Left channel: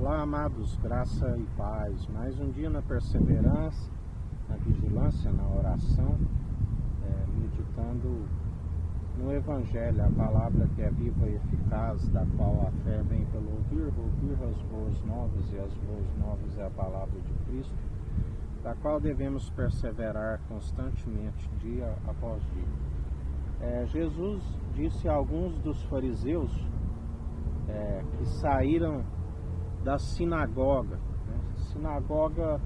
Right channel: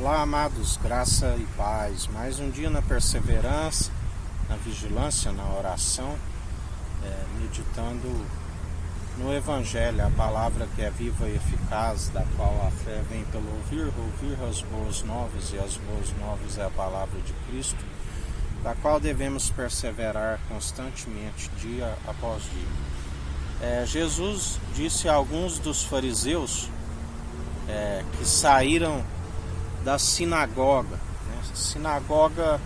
Olá, amados, graça e paz. Mais um dia na perseverança, na vigilância, na oração, meditando no Evangelho, a palavra que é viva e eficaz, da qual a fé vem pelo ouvir as boas novas, e as boas novas é a palavra de Cristo, da qual devemos perseverar constantemente, dia após dia. Jesus disse a alguns dos fariseus que saíram da sinagoga, sinagoga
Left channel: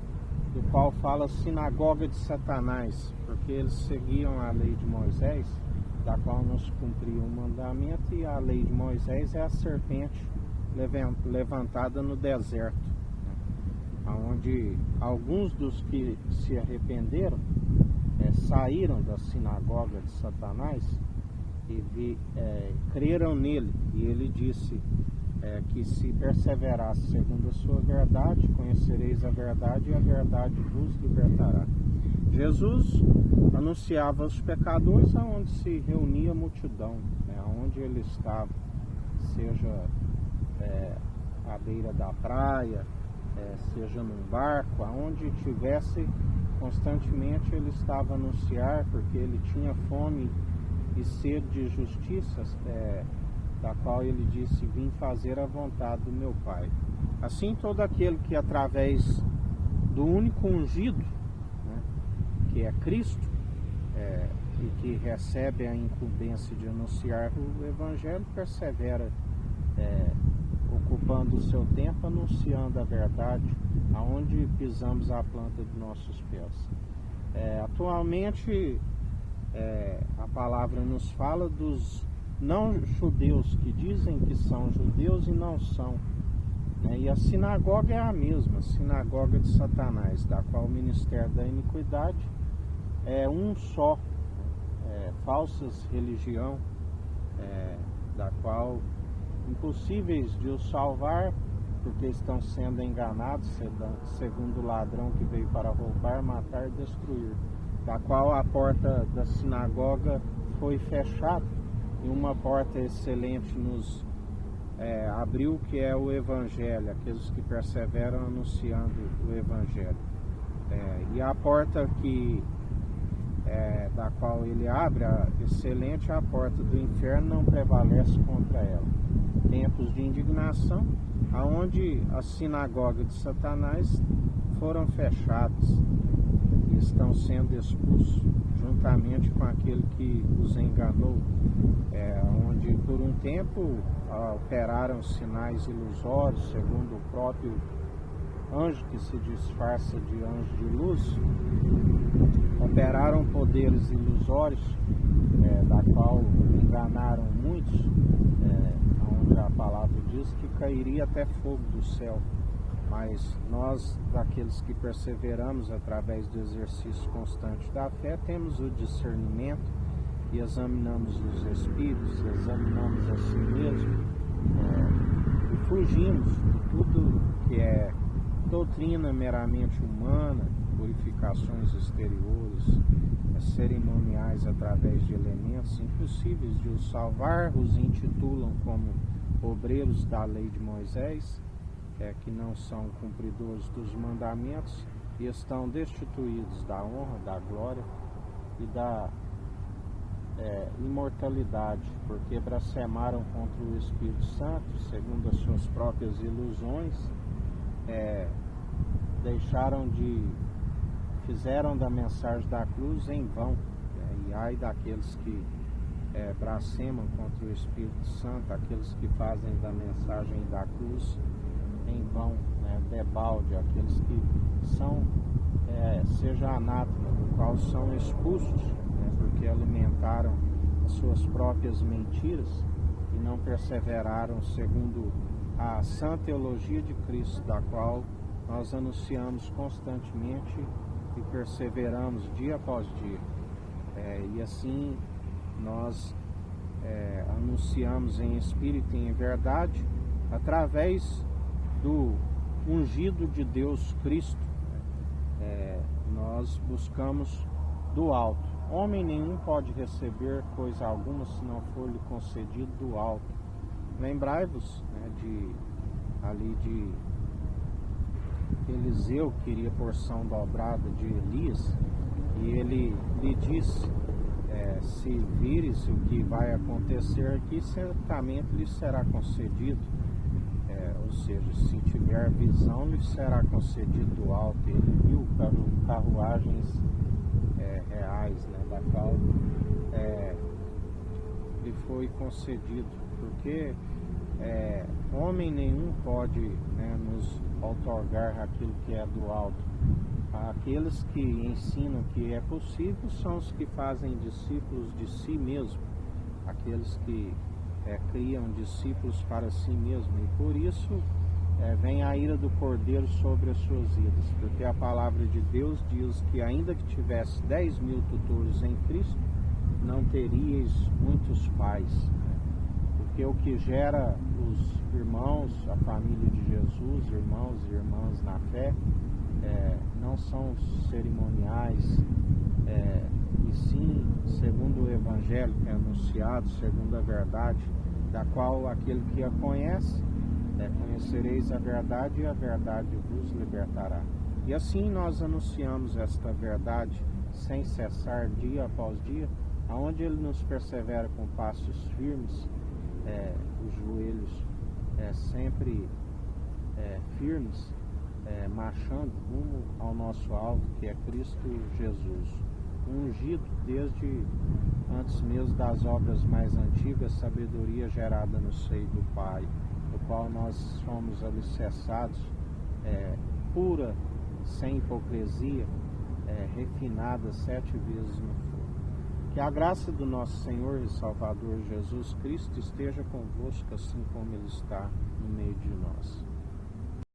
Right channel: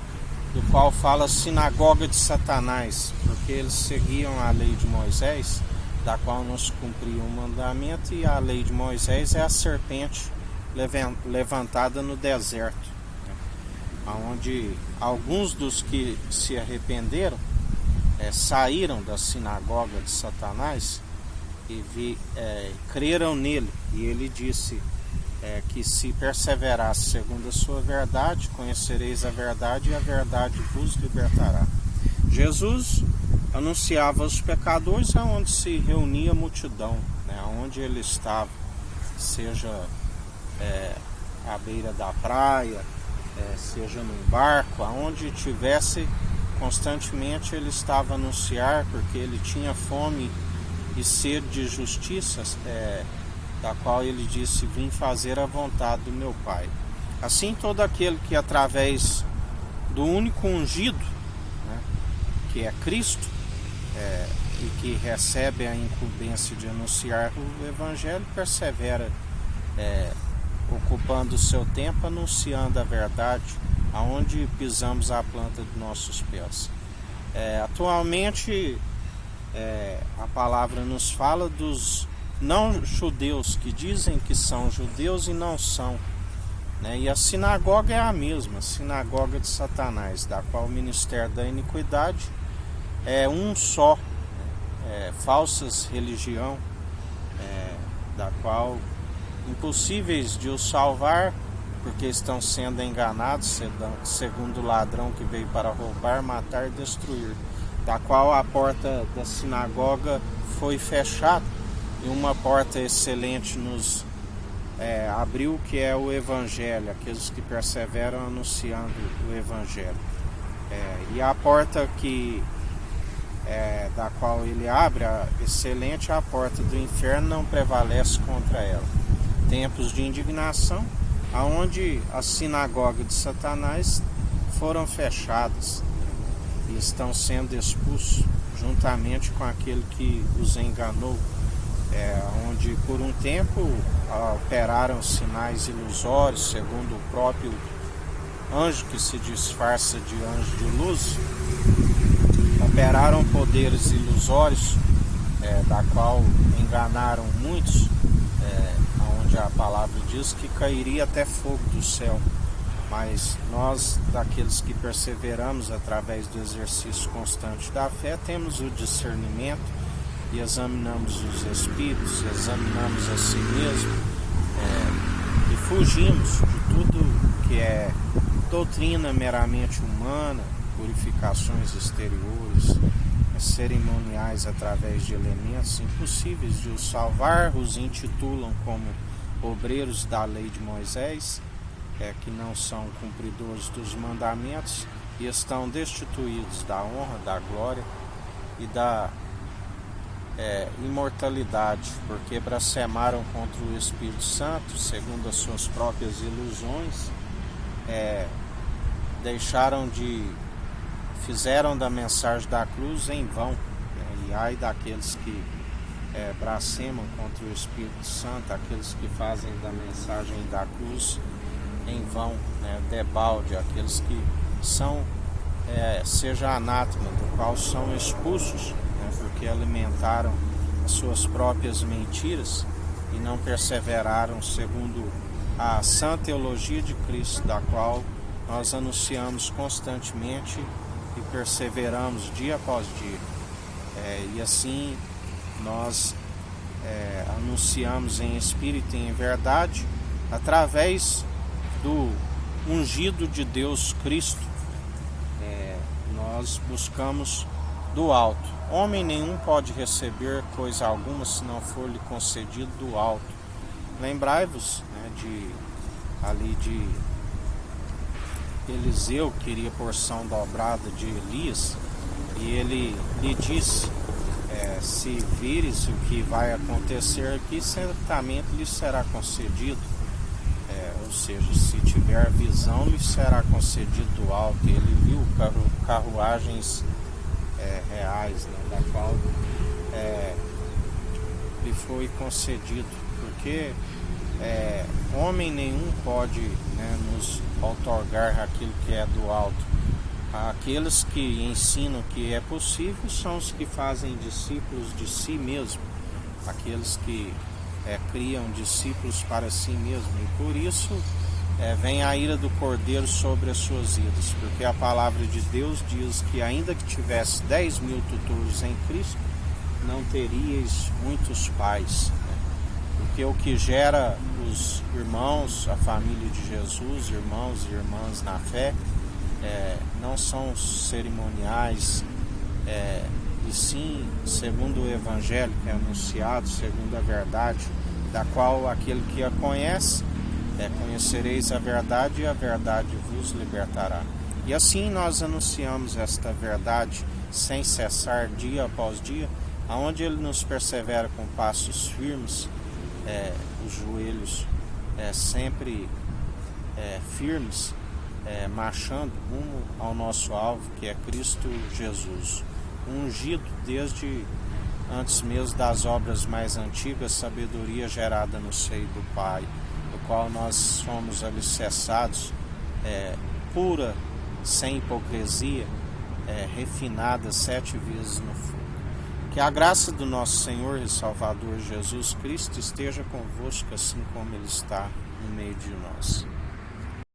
do qual fala sinagoga de Satanás, porque eles seguiam a lei de Moisés, da qual não se cumpria o mandamento, e a lei de Moisés é a serpente levantada no deserto, onde alguns dos que se arrependeram saíram da sinagoga de Satanás e creram nele, e ele disse que se perseverasse segundo a sua verdade, conhecereis a verdade e a verdade vos libertará. Jesus anunciava aos pecadores aonde se reunia a multidão, aonde ele estava, seja à beira da praia, seja num barco, aonde tivesse, constantemente ele estava a anunciar, porque ele tinha fome e sede de justiça, da qual ele disse: vim fazer a vontade do meu Pai. Assim, todo aquele que através do único ungido, que é Cristo, e que recebe a incumbência de anunciar o Evangelho, persevera ocupando o seu tempo, anunciando a verdade, aonde pisamos a planta de nossos pés. Atualmente, a palavra nos fala dos não-judeus que dizem que são judeus e não são, e a sinagoga é a mesma, sinagoga de Satanás, da qual o ministério da iniquidade é um só, falsas religião, da qual impossíveis de os salvar, porque estão sendo enganados, segundo o ladrão que veio para roubar, matar e destruir, da qual a porta da sinagoga foi fechada, e uma porta excelente nos abriu, que é o Evangelho, aqueles que perseveram anunciando o Evangelho. E a porta da qual ele abre, excelente, a porta do inferno não prevalece contra ela. Tempos de indignação, aonde a sinagoga de Satanás foram fechadas e estão sendo expulsos juntamente com aquele que os enganou, onde por um tempo operaram sinais ilusórios, segundo o próprio anjo que se disfarça de anjo de luz, operaram poderes ilusórios, da qual enganaram muitos, onde a palavra diz que cairia até fogo do céu. Mas nós, daqueles que perseveramos através do exercício constante da fé, temos o discernimento e examinamos os espíritos, examinamos a si mesmo, e fugimos de tudo que é doutrina meramente humana, purificações exteriores, cerimoniais através de elementos impossíveis de os salvar, os intitulam como obreiros da lei de Moisés, que não são cumpridores dos mandamentos e estão destituídos da honra, da glória e da imortalidade, porque blasfemaram contra o Espírito Santo, segundo as suas próprias ilusões, fizeram da mensagem da cruz em vão, e ai daqueles que blasfemam contra o Espírito Santo, aqueles que fazem da mensagem da cruz em vão, debalde, aqueles que são, seja anátema, do qual são expulsos, porque alimentaram as suas próprias mentiras e não perseveraram segundo a sã teologia de Cristo, da qual nós anunciamos constantemente e perseveramos dia após dia. E assim nós anunciamos em espírito e em verdade, através do ungido de Deus Cristo. Nós buscamos do alto. Homem nenhum pode receber coisa alguma se não for lhe concedido do alto. Lembrai-vos de Eliseu queria porção dobrada de Elias, e ele lhe disse: se vires o que vai acontecer aqui, certamente lhe será concedido. Ou seja, se tiver visão, lhe será concedido do alto. Ele viu carruagens reais, né, da qual lhe foi concedido, porque homem nenhum pode, né, nos outorgar aquilo que é do alto. Aqueles que ensinam que é possível são os que fazem discípulos de si mesmo, aqueles que criam discípulos para si mesmo, e por isso vem a ira do Cordeiro sobre as suas vidas, porque a palavra de Deus diz que ainda que tivesse 10.000 tutores em Cristo, não teríeis muitos pais, né? Porque o que gera os irmãos, a família de Jesus, irmãos e irmãs na fé, não são os cerimoniais, e sim segundo o Evangelho que é anunciado, segundo a verdade, da qual aquele que a conhece, conhecereis a verdade e a verdade vos libertará. E assim nós anunciamos esta verdade sem cessar, dia após dia, aonde ele nos persevera com passos firmes, os joelhos sempre firmes, marchando rumo ao nosso alvo, que é Cristo Jesus, ungido desde antes mesmo das obras mais antigas, sabedoria gerada no seio do Pai, do qual nós somos alicerçados, pura, sem hipocrisia, refinada 7 vezes no fogo. Que a graça do nosso Senhor e Salvador Jesus Cristo esteja convosco, assim como Ele está no meio de nós.